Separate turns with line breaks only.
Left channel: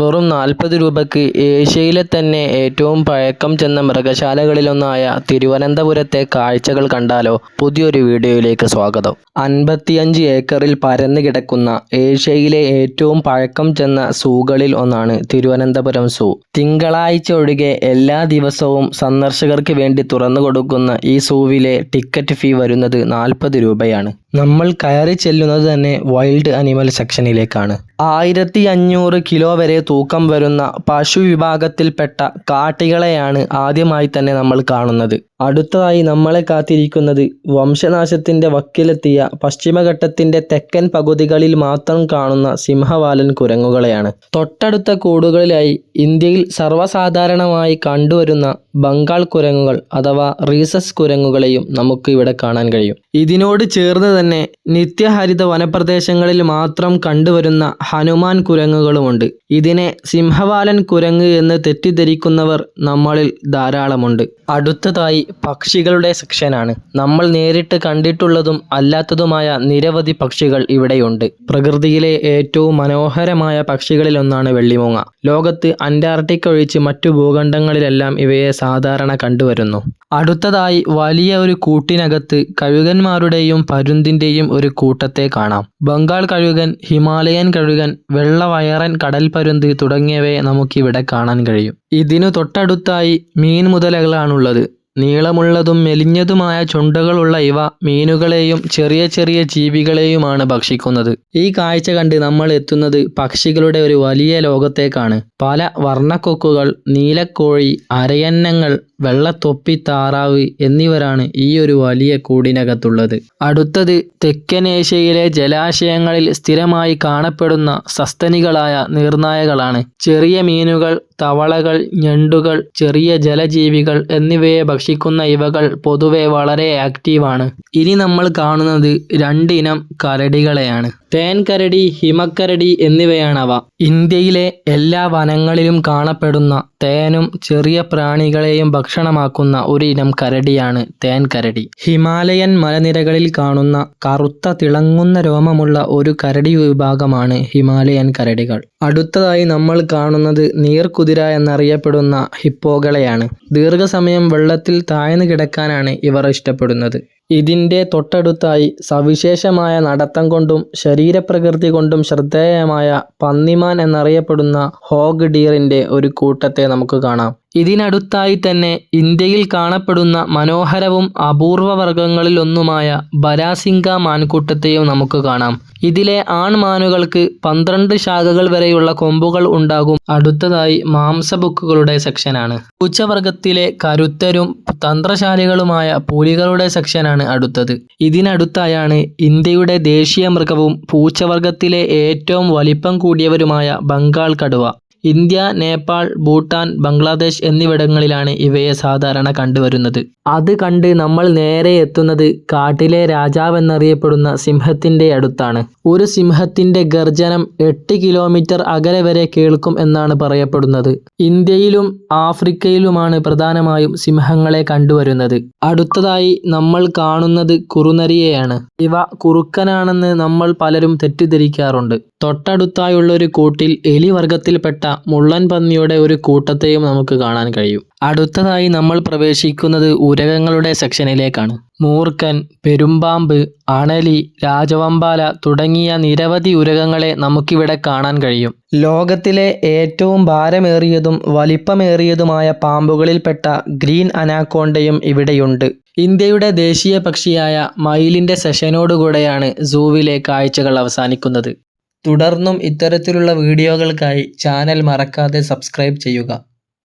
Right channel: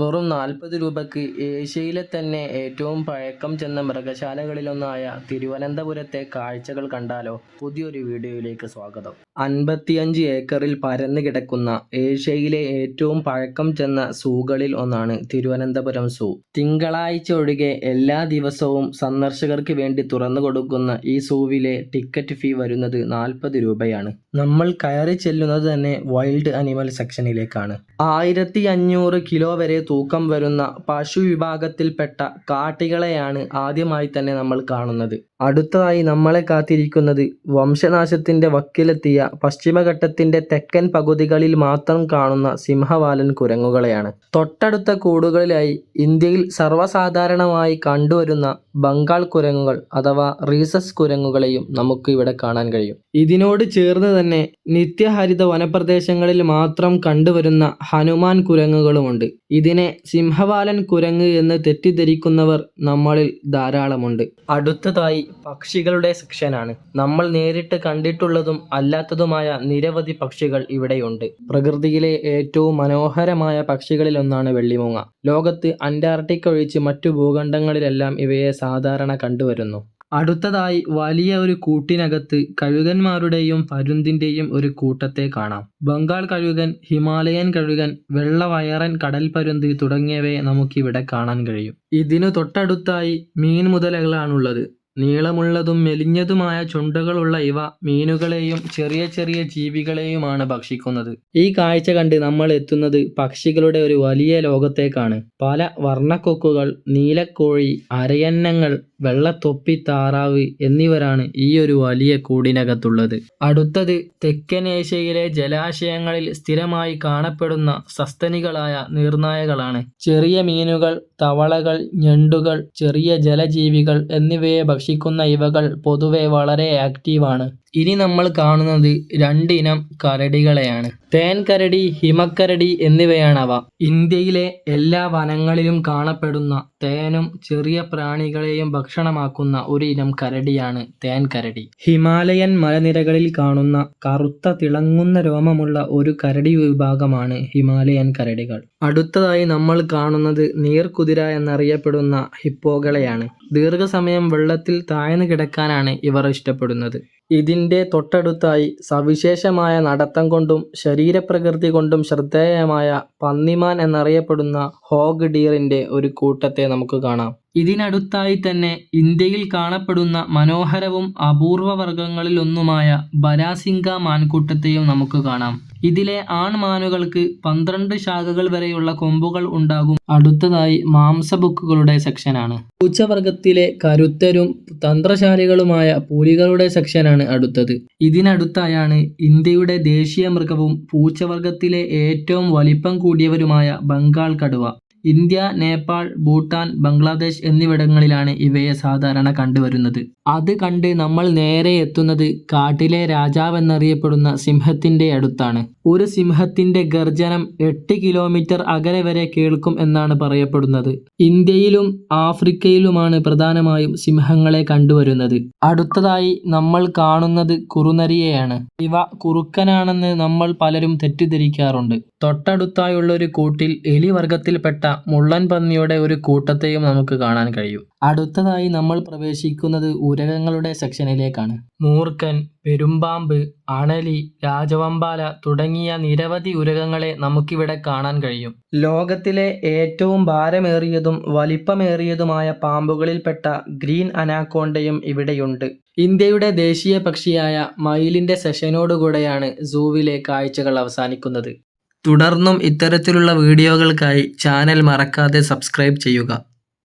വെറും നാൽപ്പത് രൂപയ്ക്ക് ഏഷ്യയിലെ തന്നെ ഏറ്റവും പഴക്കം ചെന്ന മൃഗശാലകളിലൊന്നായ തിരുവനന്തപുരത്തെ കാഴ്ചകൾ കണ്ടാലോ? പുതിയൊരു വീഡിയോയിലേക്ക് സ്വാഗതം. അൻപത്തിയഞ്ച് ഏക്കറിൽ പരന്നു കിടക്കുന്ന ഏഷ്യയിലെ ഏറ്റവും പഴക്കം ചെന്ന സൂകളിൽ ഒന്നാണ് തിരുവനന്തപുരം സൂ. തിങ്കളാഴ്ച ഒഴികെ എല്ലാ ദിവസവും സന്ദർശകർക്ക് വേണ്ടി തുറന്നു കൊടുക്കുന്ന ഈ സൂവിലെ ടിക്കറ്റ് ഫീ വരുന്നത് നാൽപ്പത് രൂപയാണ്. നമ്മൾ കയറി ചെല്ലുന്നത് തന്നെ വൈൽഡ് അനിമൽ സെക്ഷനിലേക്കാണ്. ആയിരത്തി അഞ്ഞൂറ് കിലോ വരെ തൂക്കം വരുന്ന പശു വിഭാഗത്തിൽപ്പെട്ട കാട്ടികളെയാണ് ആദ്യമായി തന്നെ നമ്മൾ കാണുന്നത്. അടുത്തതായി നമ്മളെ കാത്തിരിക്കുന്നത് വംശനാശത്തിന്റെ വക്കിലെത്തിയ പശ്ചിമഘട്ടത്തിന്റെ തെക്കൻ പകുതികളിൽ മാത്രം കാണുന്ന സിംഹവാലൻ കുരങ്ങുകളെയാണ്. തൊട്ടടുത്ത കൂടുകളിലായി ഇന്ത്യയിൽ സർവസാധാരണമായി കണ്ടുവരുന്ന ബംഗാൾ കുരങ്ങുകൾ അഥവാ റീസസ് കുരങ്ങുകളെയും നമുക്ക് ഇവിടെ കാണാൻ കഴിയും. ഇതിനോട് ചേർന്ന് തന്നെ നിത്യഹരിത വനപ്രദേശങ്ങളിൽ മാത്രം കണ്ടുവരുന്ന ഹനുമാൻ കുരങ്ങുകളുമുണ്ട്. ഇതിനെ സിംഹവാലൻ കുരങ്ങ് എന്ന് തെറ്റിദ്ധരിക്കുന്നവർ നമ്മളിൽ ധാരാളമുണ്ട്. അടുത്തതായി പക്ഷികളുടെ സെക്ഷനാണ്. നമ്മൾ നേരിട്ട് കണ്ടിട്ടുള്ളതും അല്ലാത്തതുമായ നിരവധി പക്ഷികൾ ഇവിടെയുണ്ട്. പ്രകൃതിയിലെ ഏറ്റവും മനോഹരമായ പക്ഷികളിലൊന്നാണ് വെള്ളിമൂങ്ങ. ലോകത്ത് അന്റാർട്ടിക്ക ഒഴിച്ച് മറ്റു ഭൂഖണ്ഡങ്ങളിലെല്ലാം ഇവയെ സാധാരണ കണ്ടുവരുന്നു. അടുത്തതായി വലിയ ഒരു കൂട്ടിനകത്ത് കഴുകന്മാരുടെയും പരുന്തിന്റെയും ഒരു കൂട്ടത്തെ കാണാം. ബംഗാൾ കഴുകൻ, ഹിമാലയൻ കഴുകൻ, വെള്ളവയറൻ കടൽപ്പരുന്ത് തുടങ്ങിയവയെ നമുക്കിവിടെ കാണാൻ കഴിയും. ഇതിനു തൊട്ടടുത്തായി മീൻമുതലകളാണുള്ളത്. നീളമുള്ളതും മെലിഞ്ഞതുമായ ചുണ്ടകളുള്ള ഇവ മീനുകളെയും ചെറിയ ചെറിയ ജീവികളെയുമാണ് ഭക്ഷിക്കുന്നത്. ഈ കാഴ്ച കണ്ട് നമ്മൾ എത്തുന്നത് പക്ഷികളുടെ ഒരു വലിയ ലോകത്തേക്കാണ്. പല വർണക്കൊക്കുകൾ, നീലക്കോഴി, അരയന്നങ്ങൾ, വെള്ളത്തൊപ്പി താറാവ് എന്നിവരാണ് ഈ ഒരു വലിയ കൂടിനകത്തുള്ളത്. അടുത്തത് തെക്കൻ ഏഷ്യയിലെ ജലാശയങ്ങളിൽ സ്ഥിരമായി കാണപ്പെടുന്ന സസ്തനികളായ നീർനായകളാണ്. ചെറിയ മീനുകൾ, തവളകൾ, ഞണ്ടുകൾ, ചെറിയ ജലജീവികൾ എന്നിവയെ ഭക്ഷിക്കുന്ന ഇവകൾ പൊതുവെ വളരെ ആക്റ്റീവാണ്. ഇനി നമ്മൾ കാണുന്നത് രണ്ടിനം കരടികളെയാണ്. തേൻകരടി, ഹിമക്കരടി എന്നിവയാണവ. ഇന്ത്യയിലെ എല്ലാ വനങ്ങളിലും കാണപ്പെടുന്ന തേനും ചെറിയ പ്രാണികളെയും ഭക്ഷണമാക്കുന്ന ഒരു ഇനം കരടിയാണ് തേൻകരടി. ഹിമാലയൻ മലനിരകളിൽ കാണുന്ന കറുത്ത തിളങ്ങുന്ന രോമമുള്ള ഒരു കരടി വിഭാഗമാണ് ഹിമാലയൻ കരടികൾ. അടുത്തതായി നമ്മൾ കാണുന്നത് നീർക്കുതിര എന്നറിയപ്പെടുന്ന ഹിപ്പോകളെയാണ്. ദീർഘസമയം വെള്ളത്തിൽ താഴ്ന്നു കിടക്കാനാണ് ഇവർ ഇഷ്ടപ്പെടുന്നത്. ഇതിന്റെ തൊട്ടടുത്തായി സവിശേഷമായ നടത്തം കൊണ്ടും ശരീരപ്രകൃതി കൊണ്ടും ശ്രദ്ധേയമായ പന്നിമാൻ എന്നറിയപ്പെടുന്ന ഹോഗ് ഡിയറിന്റെ ഒരു കൂട്ടത്തെ നമുക്ക് കാണാം. ഇതിനടുത്തായി തന്നെ ഇന്ത്യയിൽ കാണപ്പെടുന്ന മനോഹരവും അപൂർവ വർഗങ്ങളിലൊന്നുമായ ബരാസിംഗ മാൻകൂട്ടത്തെയും നമുക്ക് കാണാം. ഇതിലെ ആൺമാനുകൾക്ക് പന്ത്രണ്ട് ശാഖകൾ വരെയുള്ള കൊമ്പുകൾ ഉണ്ടാകും. അടുത്തതായി മാംസഭുക്കുകളുടെ സെക്ഷനാണ്. ഉച്ചവർഗത്തിലെ കരുത്തരും തന്ത്രശാലികളുമായ പുലികളുടെ സെക്ഷനാണ് അടുത്തത്. ഇതിനടുത്തായാണ് ഇന്ത്യയുടെ ദേശീയ മൃഗവും പൂച്ചവർഗത്തിലെ ഏറ്റവും വലിപ്പം കൂടിയവരുമായ ബംഗാൾ കടുവ. ഇന്ത്യ, നേപ്പാൾ, ഭൂട്ടാൻ, ബംഗ്ലാദേശ് എന്നിവിടങ്ങളിലാണ് ഇവയെ സാധാരണ കണ്ടുവരുന്നത്. അത് കണ്ട് നമ്മൾ നേരെ എത്തുന്നത് കാട്ടിലെ രാജാവ് എന്നറിയപ്പെടുന്ന സിംഹത്തിന്റെ അടുത്താണ്. ഒരു സിംഹത്തിന്റെ ഗർജനം എട്ട് കിലോമീറ്റർ അകലെ വരെ കേൾക്കും എന്നാണ് പറയപ്പെടുന്നത്. ഇന്ത്യയിലും ആഫ്രിക്കയിലുമാണ് പ്രധാനമായും സിംഹങ്ങളെ കണ്ടുവരുന്നത്. അടുത്തതായി നമ്മൾ കാണുന്നത് കുറുനരിയെയാണ്. ഇവ കുറുക്കനാണെന്ന് നമ്മൾ പലരും തെറ്റിദ്ധരിക്കാറുണ്ട്. തൊട്ടടുത്തായുള്ളൊരു കൂട്ടിൽ എലി വർഗത്തിൽപ്പെട്ട മുള്ളൻ പന്നിയുടെ ഒരു കൂട്ടത്തെയും നമുക്ക് കാണാൻ കഴിയും. അടുത്തതായി നമ്മൾ പ്രവേശിക്കുന്നത് ഉരകങ്ങളുടെ സെക്ഷനിലേക്കാണ്. മൂർക്കൻ പെരുമ്പാമ്പ്, അണലി, രാജവമ്പാല തുടങ്ങിയ നിരവധി ഉരകങ്ങളെ നമുക്കിവിടെ കാണാൻ കഴിയും. ലോകത്തിലെ ഏറ്റവും ഭാരമേറിയതും വലിപ്പമേറിയതുമായ പാമ്പുകളിൽപ്പെട്ട ഗ്രീൻ അനാക്കോണ്ടയും ഇവിടെയുണ്ട്. ഇന്ത്യയുടെ ദേശീയ പക്ഷിയായ മയിലിന്റെ സെഷനോടുകൂടെയാണ് സൂവിലെ കാഴ്ചകൾ അവസാനിക്കുന്നത്. തുടർന്നും ഇത്തരത്തിലുള്ള വീഡിയോകൾക്കായി ചാനൽ മറക്കാതെ സബ്സ്ക്രൈബ് ചെയ്യുക.